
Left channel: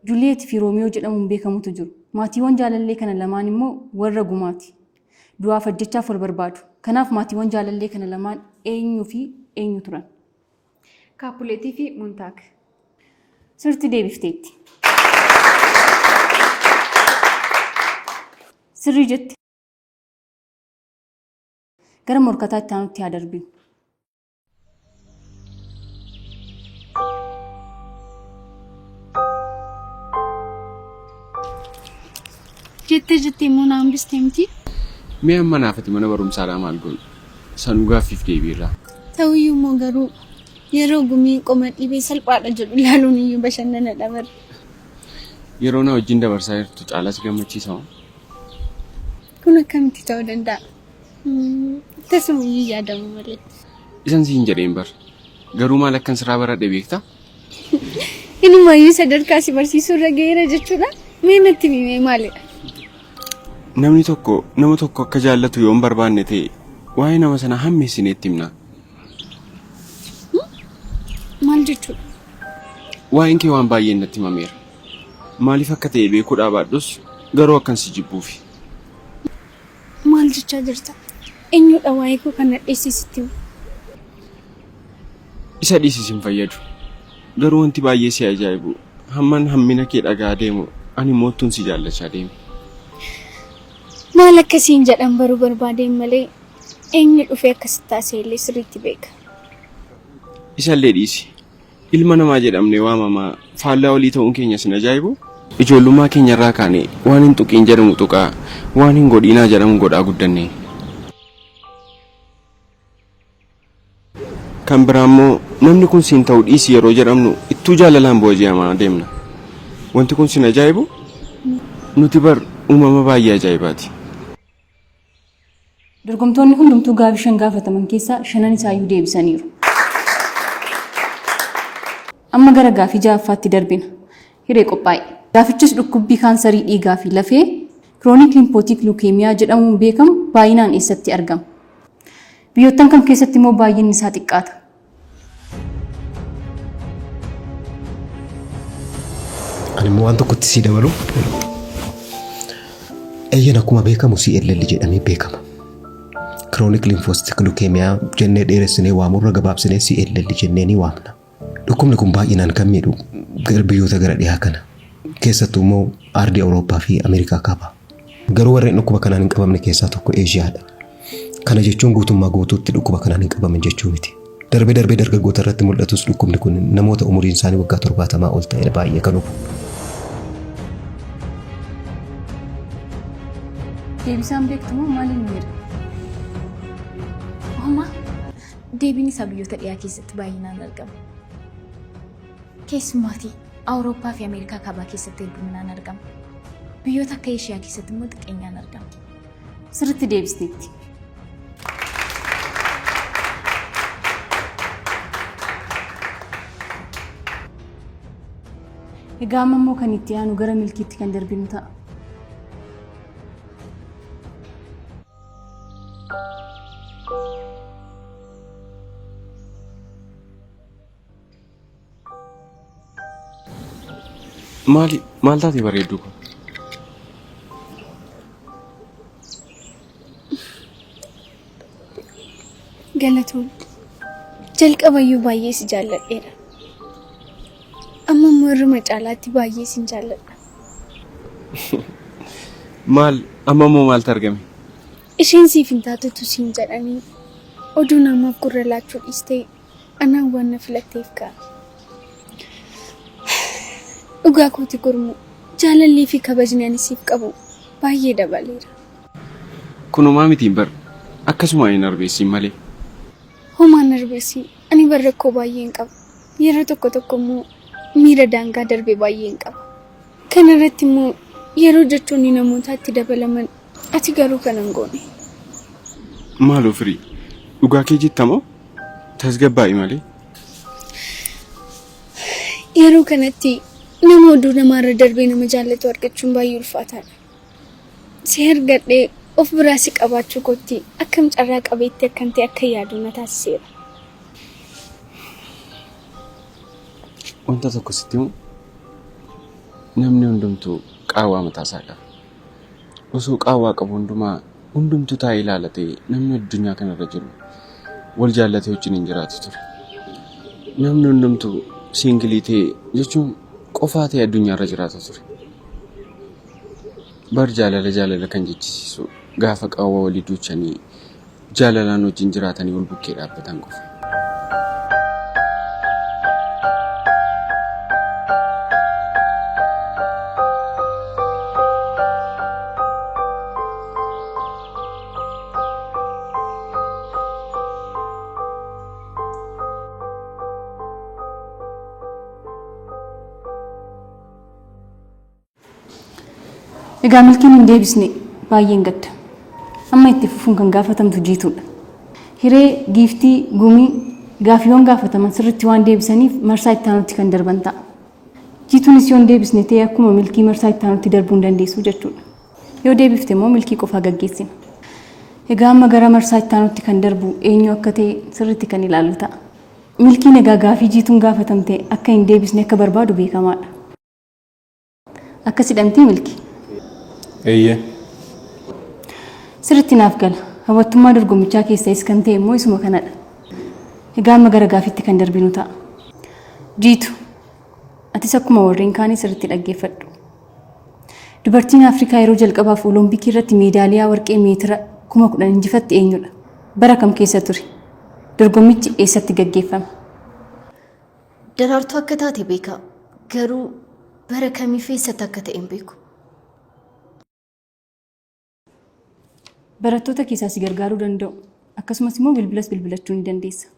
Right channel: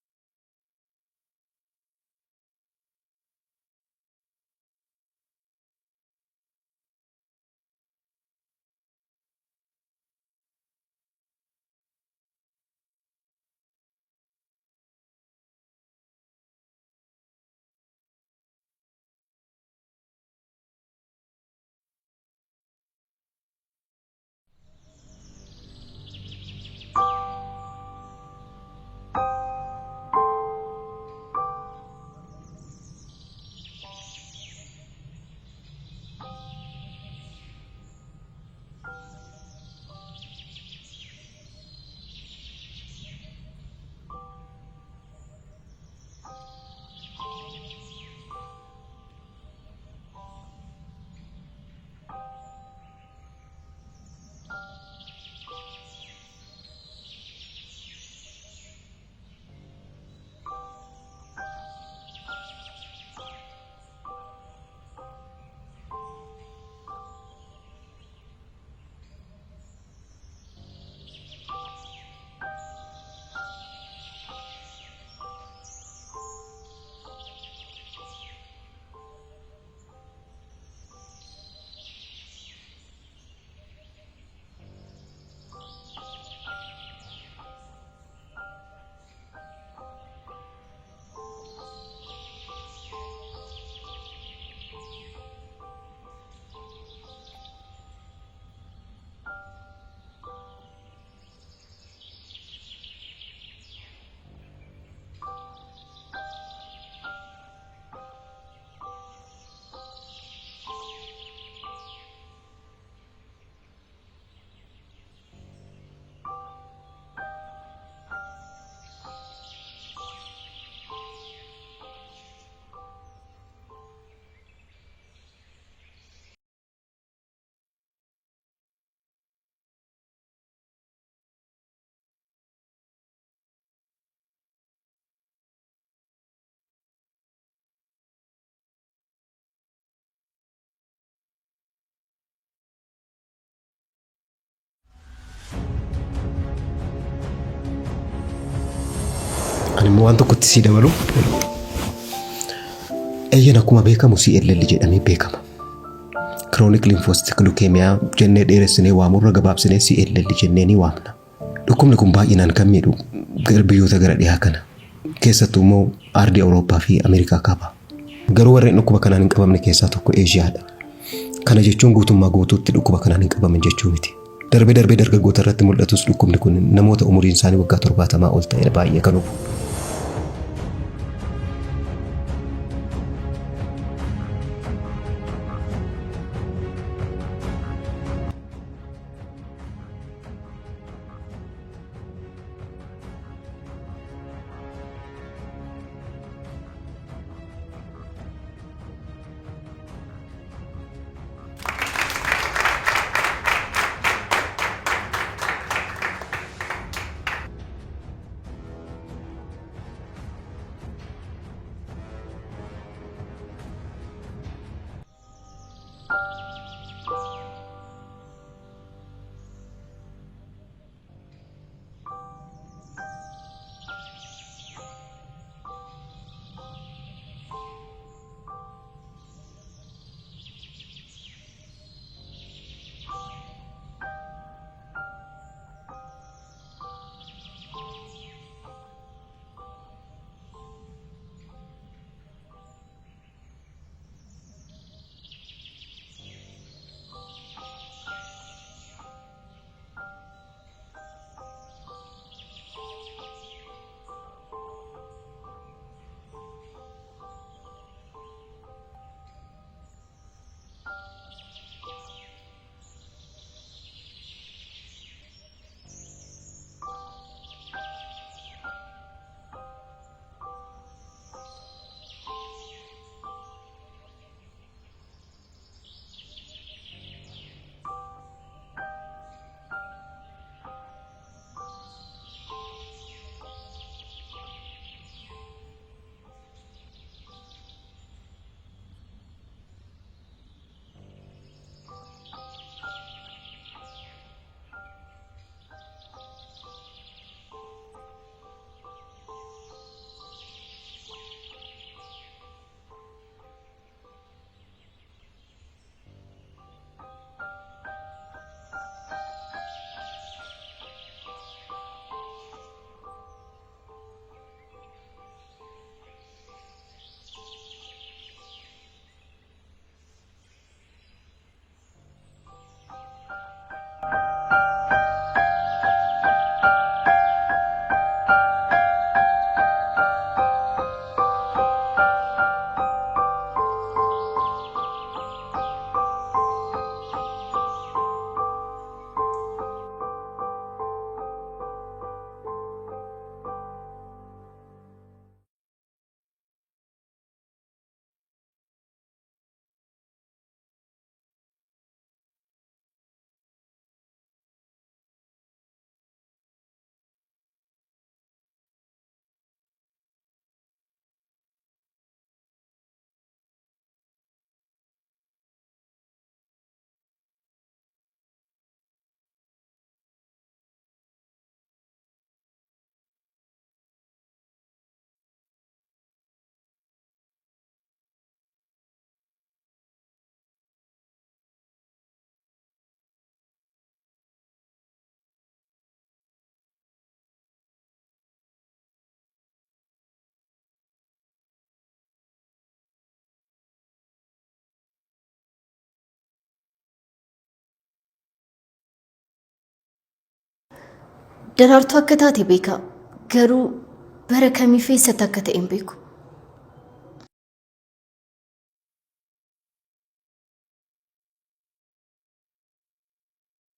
Juliyeet fi Roomiyoo jedhamuun beekamutu jiru. Maatiiwwan jaalallee kana lamaan immoo warra gumaati. Du'aaf ajjechaaf wal barbaadu. Kanaaf maatiiwwan jaalallee kana lamaan eenyuu fi eenyu turan? Kaapuleetii fi Montaak. Sirriitti deebifteetti. Sirrii jetti. Gara morkataa itti aanutti haa darbinu. jettee immoo naan bistee miti. Mee amma naafati mana barumsaadhaa maal goonu? Sanuu gaaffiif deebiirraa. Ta'uyyuu immoo garuu yeroo gumii qoma dhibee salphaadha jedhu ilaaluun iyyuu bashannana dhabarra. Yeroo na wajjin dabarsaa jirtu caalas gammachiisa moo? Kun akkamitti ta'uu danda'a? Tasuma iyyuu yaadamu malee. Isan siin jedheen bar. Garuu maal akkan sirraa baradhe beektaa? Inumayyuu sadarkaa si barsiisuu irra ga'eera jechuudha. Mee natti himee maalidha? Namni tokko nama tokko akka jaallatu yoo hin barbaanne ta'e waa'ee nama sana hammeessineetti himna. Maal jechuudha? Waa'een kee waan baay'een natti himameera. Maaliif akka ta'e beekuudhaa baadhus garuu akkan si jibbuufi. Maal jechaa jirta? Eenyudha waa'ee koo kana dheessisitti himu? Isa dhiisis hin fayyadu. Garuu wanti baay'ee si ajaa'ibu hamman hammina kee dhagaa deemu ani moottuun si jaallachaa deemu. Maal akkasiin jedhan baruu barbaadeen malee eenyu dhufee akkasitti taasise illee sirriitti beeka. Isallee dhiisi. Ilma namaa jedhamnee waamamaa faallaa olii ta'uun keenya sin ajaa'ibu. Ijoollummaa keenya irraa kaane waan hin tuqiin jedhamu tuqaa waan hin godhiinaa jedhamu godhaa guddanne. Kan biraa immoo namni kun siin ta'uu dhiisi yeroo jedhamnu ittuu jaalalaan booji'amaa deemna. Wanti kun sin ajaa'ibu nuti bar uumama baay'ee ajaa'ibaati. Dorgomtoonni hundumtuu gaafii 5 gaafataman keessaa 5 isaayyuu deebisaniiru. Amma gara gaafii 6ffaatti darbina. Hiree qophaa'e. Gaafichis dhukkubbii kaansarii dhiigaa fi lafee kiroonik limpootik lukeemiyaa jedhamuun beekamu baay'inaan eessatti argama? Biyyoottan kam keessatti immoo baay'inni isaa xiqqaata? Ani immoo waan tokkotti si dabalu. Eeyyan akkuma beekamu CLL jedhamee beekama. Chronic lymphocytic leukemia jennee dheeressinee waamurra gabaabsinee CLL jennee ni waamna. Dhukkubni kun baay'inaan kan miidhu biyyoota gara dhiyaa kana. Keessattuu immoo ardii Awurooppaa fi Ameerikaa kaaba. Garuu warreen dhukkuba kanaan hin qabamne keessaa tokko Eeshiyaadha. Kana jechuun guutummaa guutuutti dhukkuba kanaan hin qabaman jechuu miti. Darbee dargaggoota irratti mul'atus dhukkubni kun namoota umuriin isaanii waggaa 70 ol ta'e baay'ee kan hubu. Deebisaan beektamoo maaliin jedha? Deebiin isaa biyyoota dhiyaa keessatti baay'inaan argama. Keessumaatii Awurooppaa fi Ameerikaa kaabaa keessatti hedduminaan argama. Biyyoota akka Eeshiyaa keessatti immoo xiqqeenyaan argama. Sirriitti deebisteetti. Egaa amma immoo kan itti aanu gara milkiitti kan darbinu ta'a. Maal taatee bareedduu kun? Galatoon jalqabayyuu baay'ee si jaalladheera. Amma immoo irruma caalaatti baay'ee sin jaalladha. Amma immoo maaltu argame? Isheen siif hin taatetu siin jedhanii oduu namaaf gurra laachuu dhiistee anaan waan na filatteef ka'a. Dhugaa kooti gurmu jaalallii fi kabajni ani siif qabu baay'ee dabaleera. Kunumaa mitiin bar akkasuma hin arbeessiin malee. Homaan arbeessii ani bar rakkoo baay'een qaba. Yeroo tokko immoo miira daangaa darbee baay'een qaba. Kana irratti immoo yeroo jechoonni namootaatti dabalaman ati garuu kan hin goone. Maaloo firii dhugaa kee jettamoo tasgabbaa'i malee. Yeroo kanatti nama oduu namaarra darbee nama jaallatu argachuun baay'ee ulfaataadha. Si argadhee of biraa si qabaachuu kootti akkam carraa qabeetti akkan ta'e akka yaadu na taasiseera. Wanta tokko sitti himu namni hundumtuu qaawwaa mataasaa qaba. Osoo qaawwaa qabu hundumtuu taa'ee ilaalatee namni addunyaa kanarra jiru wal jaallatee wajjin hin jiraatu ture. Namni hundumtuu siingilii ta'e jechuun qofaa ta'e addunyaarra jiraata ture. Bar jaalala kan jechisiisu gaafa qaawwaa walii duuchanii jaalalaan wajjin jiraatanii wal bukkee dhaabbatan qofa. Egaa milkiin hin deebisne baay'een gadda. Amma itti fufuun kan gaafatamtu jiituudha. Hiree, giiftii, gumii, gaaffiiwwan gaafataman sirriitti waan deebisaniif marsaa itti aanutti kan darban ta'a. Jiituunis yoo hin deebisne ta'e akkuma milkii marsaa itti aanutti darbuu hin dandeessu jechuudha. Yoo deebifte immoo milkii qofaa gaggeessina. Egaa amma gara marsaa itti aanutti kan darbu eenyu akka ta'e sirriitti kan ilaallu ta'a. Milkiin egaa gaaffii jiituun gaafatamte akka hin deebisne akka barbaadu beekamaadha. Akkas hidhamtii milkii. Eeyyee. Sirriitti naaf gala. Hawwattummaa dorgommichaa keessas kan ta'e immoo isuma kanadha. Egaa amma gara gaaffiitti kan darbinu ta'a. Jiitu, atis akkuma warreen kaanii sirriitti dhaggeeffadhu. Dubartiin Afrikaa yeroo jalqabaaf Olompikii irratti meedaaliyaa warqee meetira 10,000 injifatte eenyudha? Bara kam keessa ture? Dorgommichi eessatti gaggeeffame? Daraartuu akka taate beeka. Garuu bara kamii fi eessatti akka ta'e hin beeku. Barattoota keessaa si gargaaruu danda'u. Akkasumas immoo bilbilas bilbilachuu ni dandeessa.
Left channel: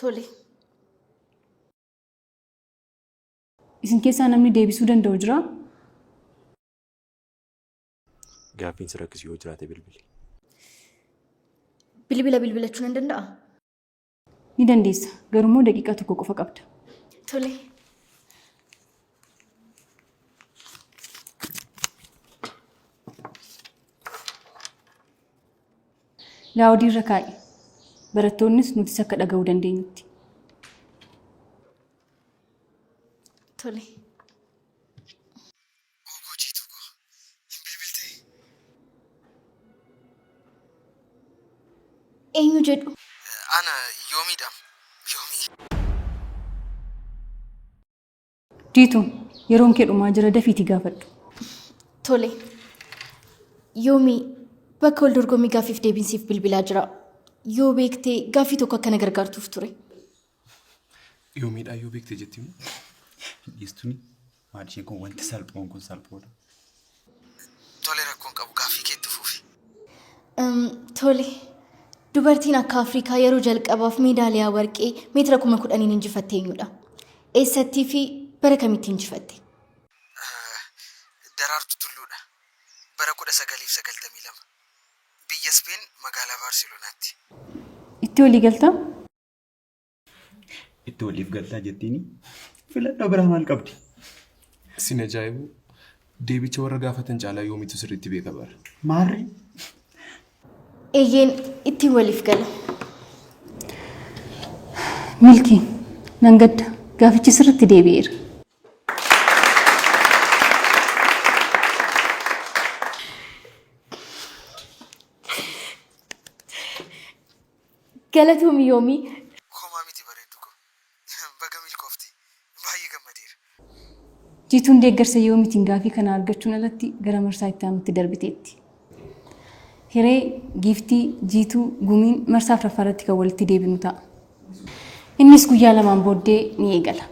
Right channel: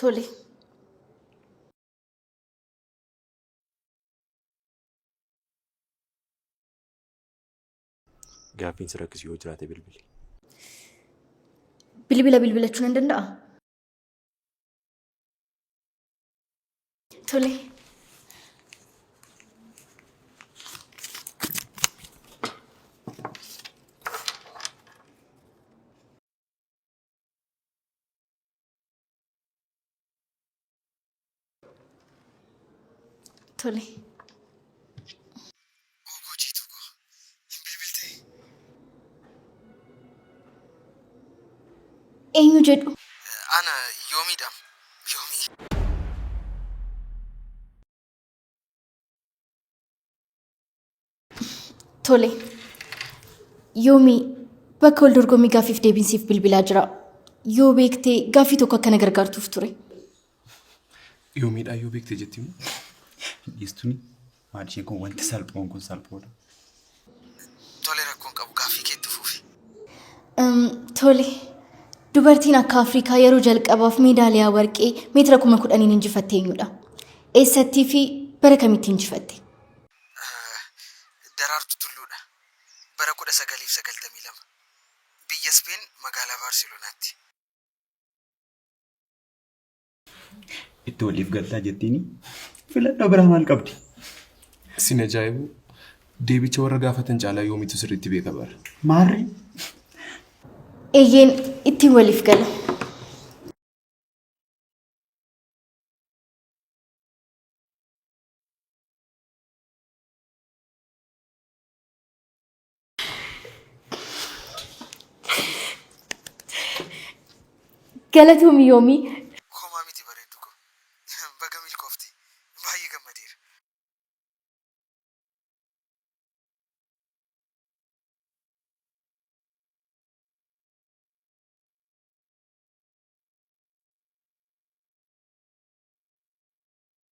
Tole. Isin keessaa namni deebisuu danda'u jiraa? Gaaffiin si rakkisu yoo jiraate bilbili. Bilbila bilbilachuu nan danda'a? Ni dandeessa. Garuu immoo daqiiqaa tokko qofa qabda. Tole. Laawudii irra kaa'i. Barattoonnis nutis akka dhaga'uu dandeenyutti. Tole. Eenyu jedhu? Ana yoomiidha. Yoomii. Jiitu, yeroon kee dhumaa jira dafiitii gaafadhu. Tole. Yoomii bakka wal dorgommii gaaffiif deebinsiif bilbilaa jira. Yoo beektee gaaffii tokko akkana gargaartuuf ture. Yoomiidhaa yoo beektee jetti immoo dhiistuni maal isheen kun wanti salphoon kun salphoodha. Tole rakkoon qabu gaaffii keetti fuufi. Tole. Dubartiin akka Afrikaa yeroo jalqabaaf meedaaliyaa warqee meetira 10,000 injifatte eenyudha? Eessattii fi bara kamitti injifatte? 1992 biyya Speen magaalaa Baarselonaatti. Itti walii galtaa? Itti waliif galtaa jettiini filannoo biraa maal qabdi? Sin ajaa'ibu deebicha warra gaafatan caalaa yoomitu sirriitti beeka bara. Maarri? Eeyyeen ittiin waliif gala. Milkii nan gadda gaafichi sirriitti deebi'eera. Galatoomii yoomii. Homaa miti bareeddu ko. Baga milkoofti. Baay'ee gammadeera. Jiituun deeggarsa yoomiitiin gaafii kana argachuun alatti gara marsaa itti aanutti darbiteetti. Hiree, giiftii, jiituu, gumiin marsaa afuraffaarratti kan walitti deebinu ta'a. Innis guyyaa lamaan booddee ni eegala.